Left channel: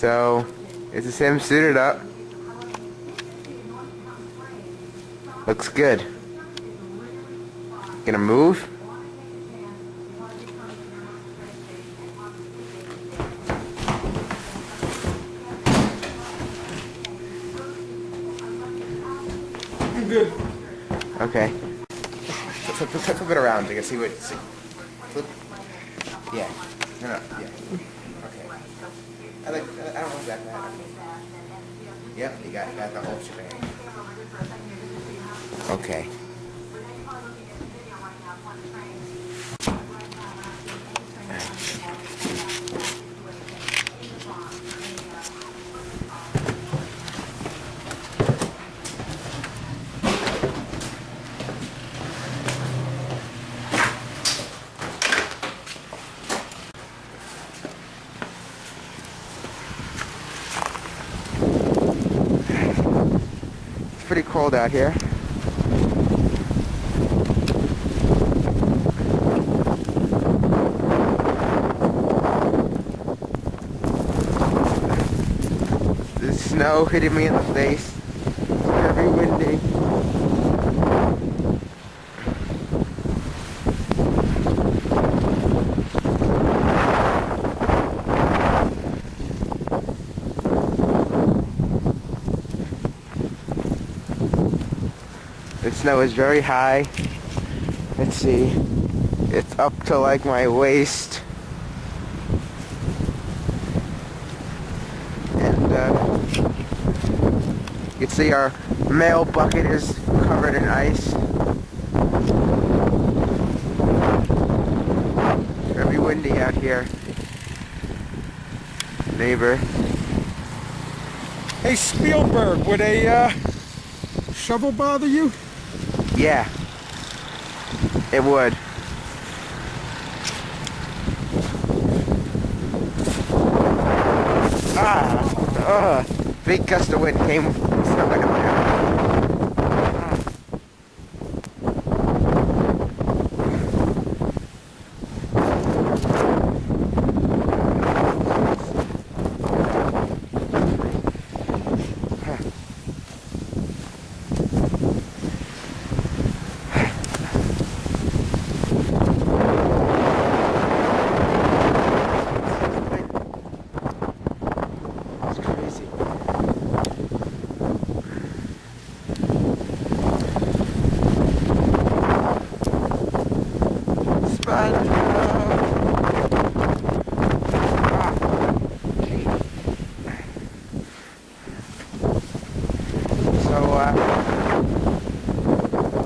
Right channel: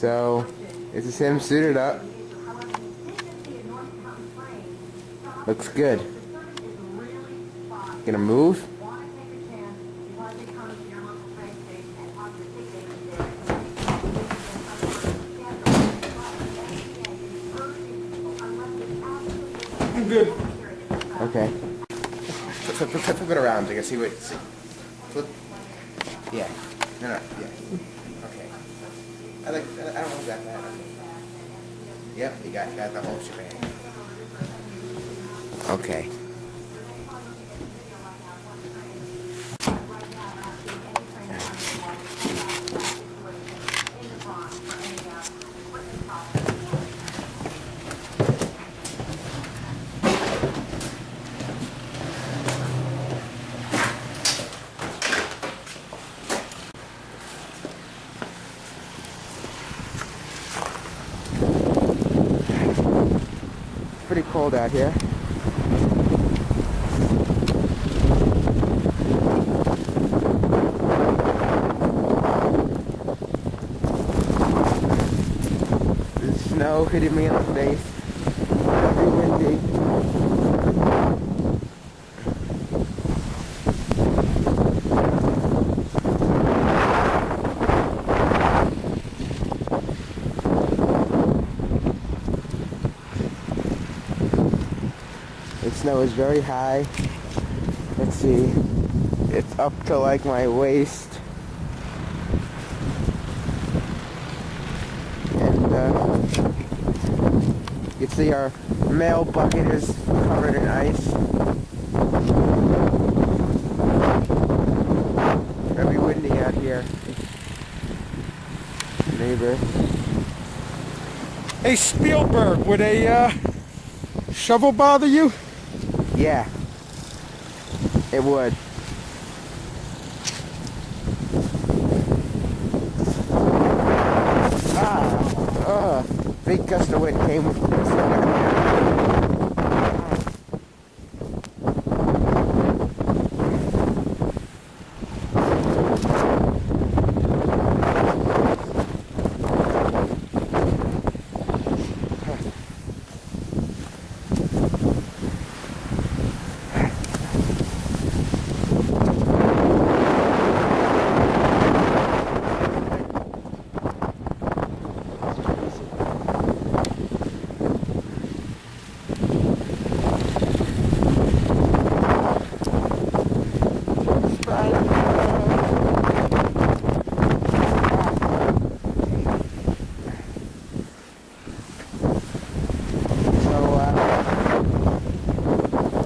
So, this is him suited up. Looks good. Gonna move. I'm good. Okay. Flip it around so you can see what. See. Flip. Yeah. No. Yeah. Okay. I don't know exactly how. Yep. You got the whole shebang. Okay. It's pretty cold out here. The snow hitting me in the face. It's very windy. The snow is very high. Let's see. It's up to like my waist. And you can see our mail bucket is covered in ice. It's very windy out here. Neighbor. Hey Spielberg, would a shovel bother you? Yeah, it would. Big gust of wind came and still got my eye.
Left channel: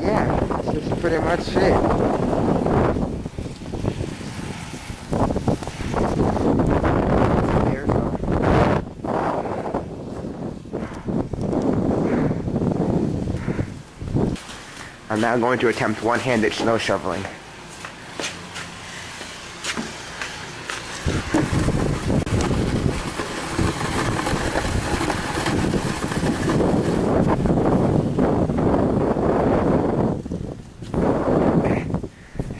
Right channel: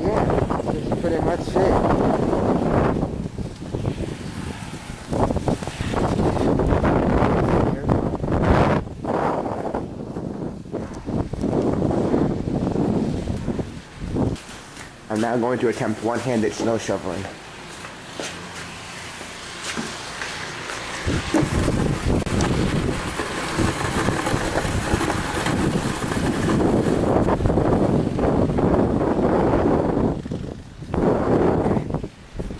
Yeah, this is pretty much it. I'm now going to attempt one-handed snow shoveling.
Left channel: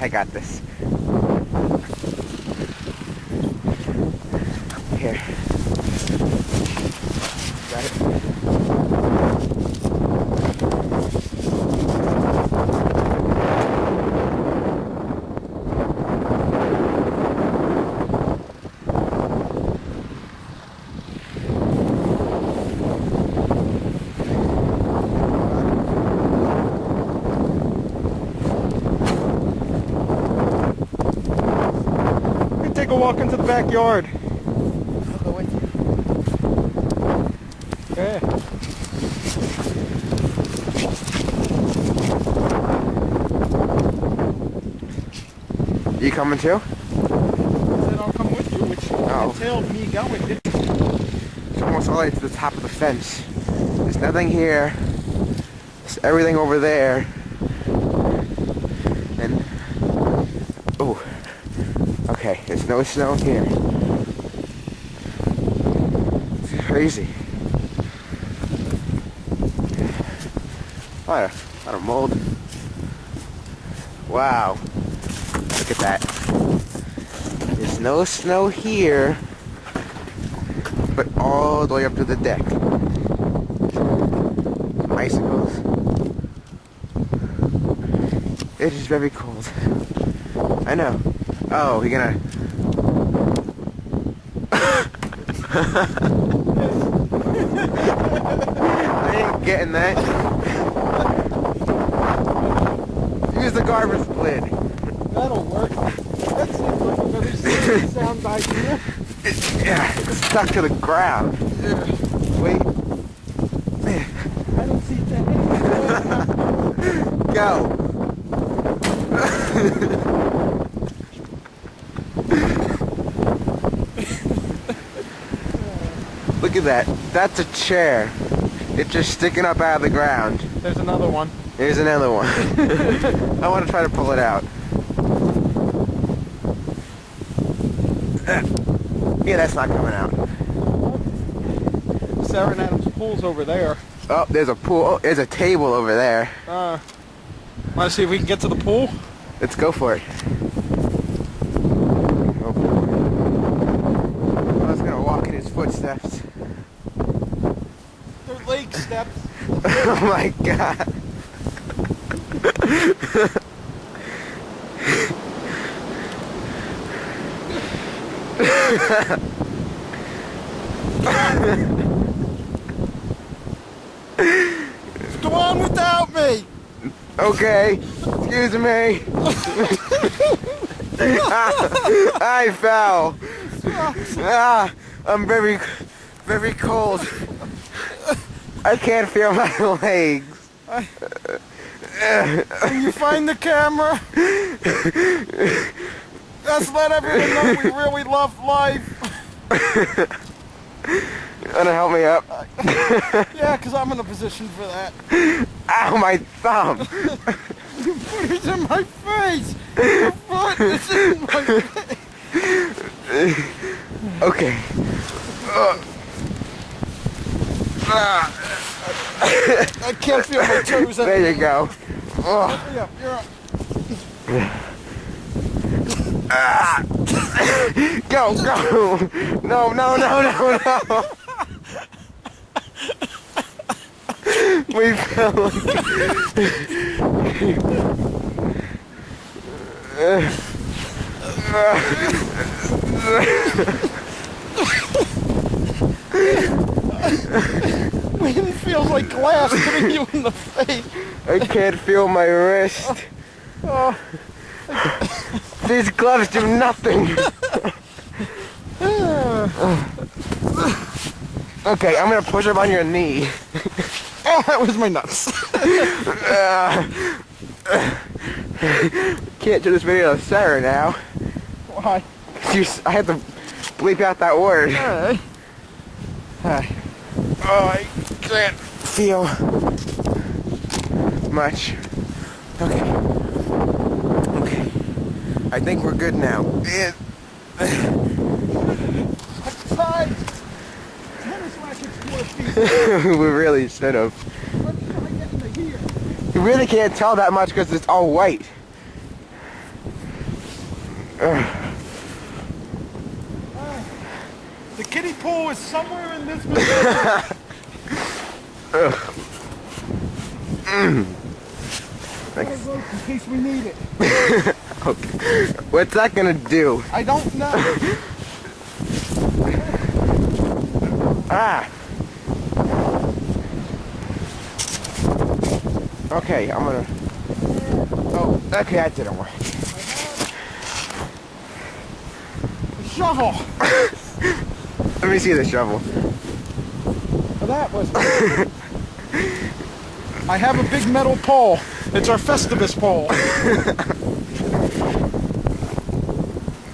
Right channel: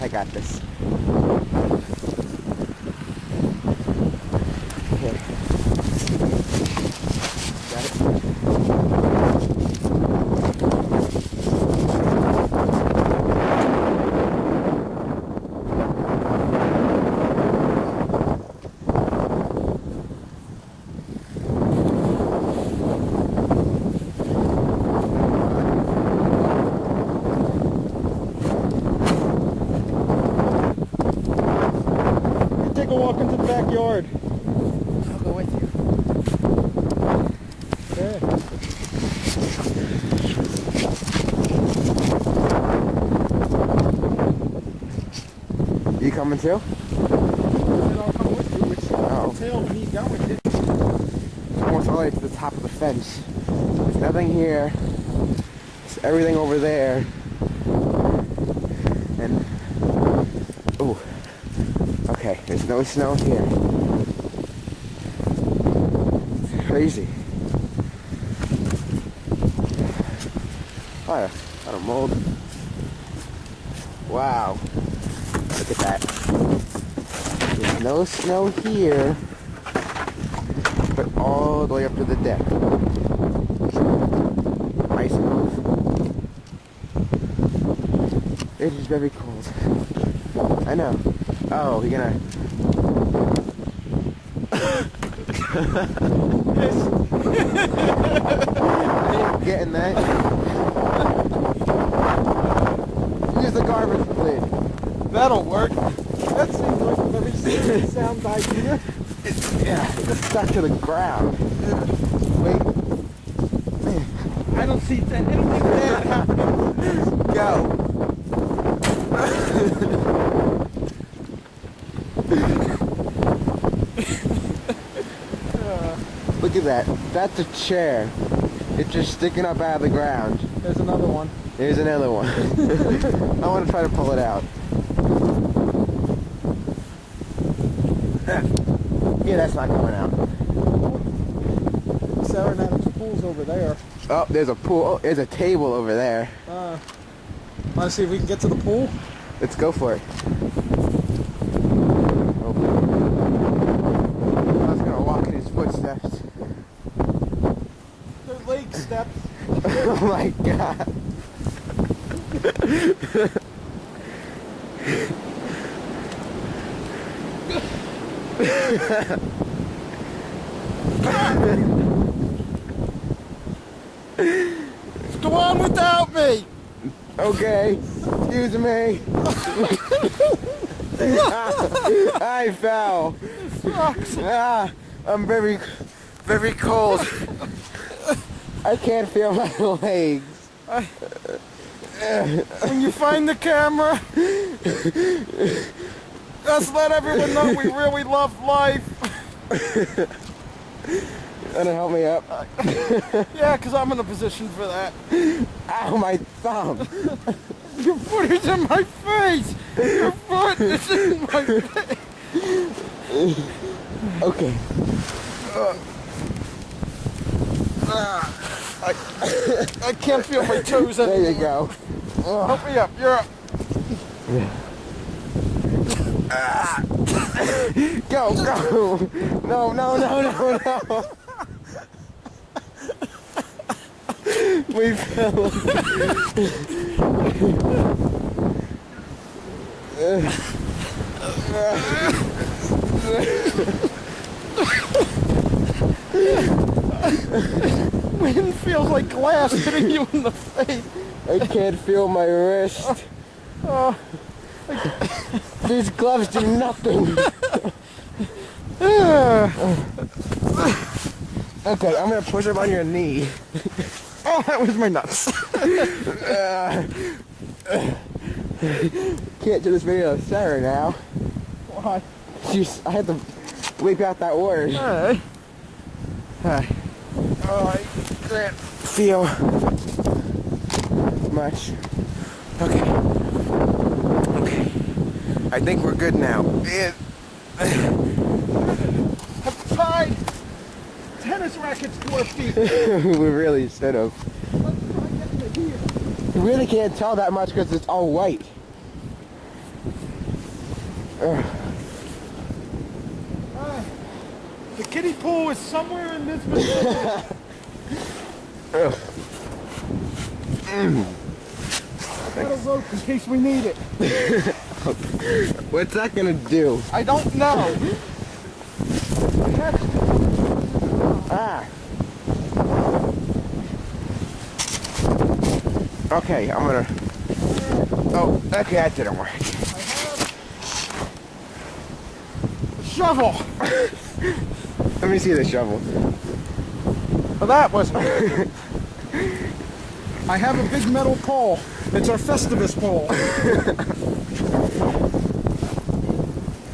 I got this. Here. Got it? Take a walk into the backyard. I'll go with you. Okay. You coming too? I said I'll come with you, which entailed me going. It's almost all the way to the top of the fence. There's nothing here. There's everything over there. And oh, okay. There's no snow here. It's crazy. A lot of mold. Wow. Look at that. There's no snow here, but all the way up to the deck. Icicles. It is very cold. I know. Oh, you're gonna... I ain't getting that. Use the garbage lid. That'll work. That seems like a very sound idea. Yeah, it's stuck to the ground. Yeah. Wait. I don't see anything bad happening. Go. Look at that. That's a chair. It's just sticking up out of the ground. There's another one. Here's another one. I want to try to pull it out. Yeah, that's not coming out. Sarah and Adam's pool's over there. Oh, there's a pool. Oh, there's a table over there. Want to see if we can get to the pool? Let's go for it. Go for it. I was gonna walk in his footsteps. They're lake steps. Oh my god. Go on without me. Okay. Excuse me. I fell. I'm very, very cold. I can't feel my legs. When you find the camera, let's let everyone know we really love life. Wanna help me up? Yeah, because I'm in a position for that. Ow, my thumb. Your foot is in my face. Your foot is in my face. Okay. I can't feel my toes anymore. There you go. Help me up. You're up. Go, go. No, no, no, no, no. We fell. Wind feels like glass hitting you in the face. I can't feel my wrist. These gloves do nothing. Okay, I'm gonna push up on your knee. Oh, that was my nuts. Can't do this video to Sarah now. Why? I had to bleep out that word. Alright. Oh, I can't feel much. Okay. Okay. I think we're good now. I've tied tennis rackets to our feet. We really should have. Let's try getting to here. You really can't tell that much because it's all white. The kiddie pool is somewhere in this vicinity. Got a rope in case we need it. What's that gonna do? I don't know. Ah. Okay, I'm gonna... Oh, okay, that didn't work. A shovel. Let me see the shovel. Well, that was. I have a big metal pole. It's our Festivus pole.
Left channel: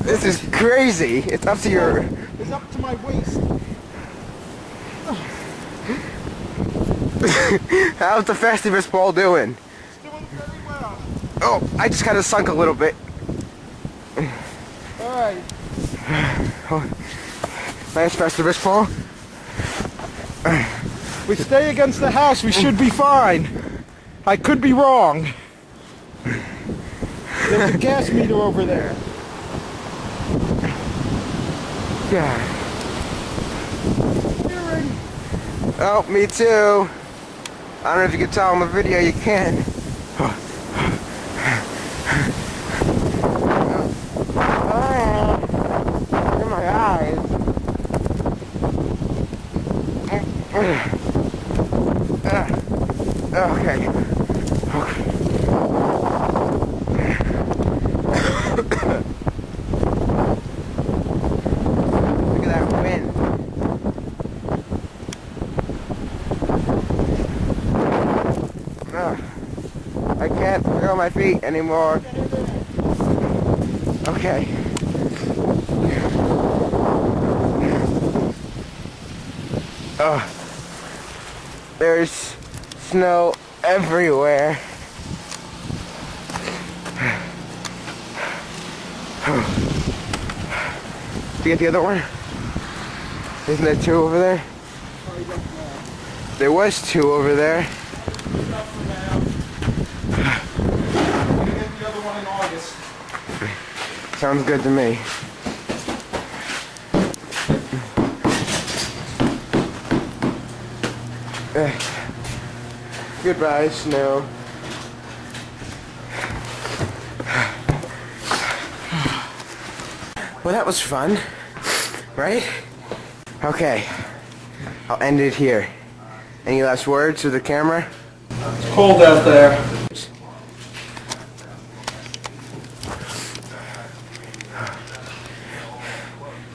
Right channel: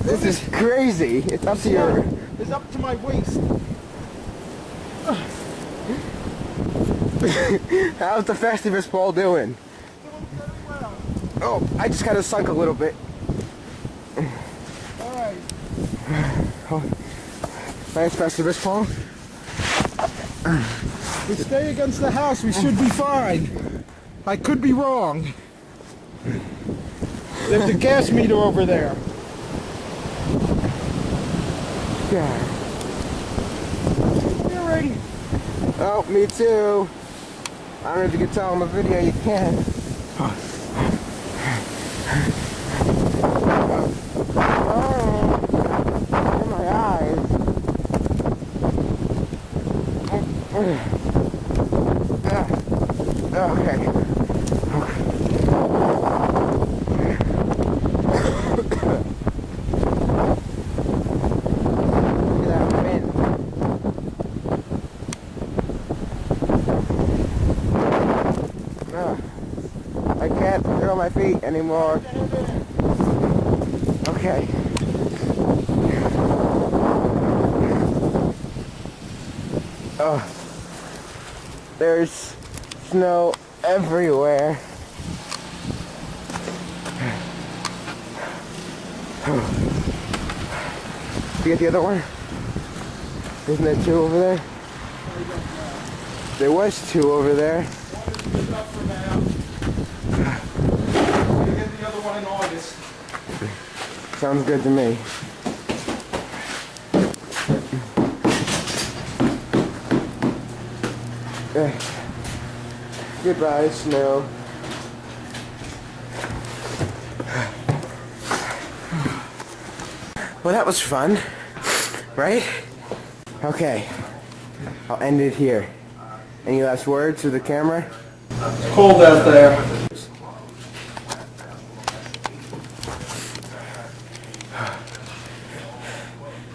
This is crazy. It's up to your... It's up to my waist. How's the Festivus pole doing? Doing very well. Oh, I just kind of sunk a little bit. All right. Nice Festivus pole. We stay against the house. We should be fine. I could be wrong. There's a gas meter over there. Yeah. already. Oh, me too. I don't know if you can tell in the video, you can. Oh, look at my eyes. Okay. Okay. Look at that wind. I can't feel my feet anymore. Okay. Oh, there's snow everywhere. Do you get the other one? Isn't there two over there? There was two over there. Enough for now. We'll get the other one in August. Sounds good to me. Goodbye, snow. Well, that was fun, right? Okay, I'll end it here. Any last words to the camera? It's cold out there.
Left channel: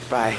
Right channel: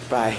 Bye.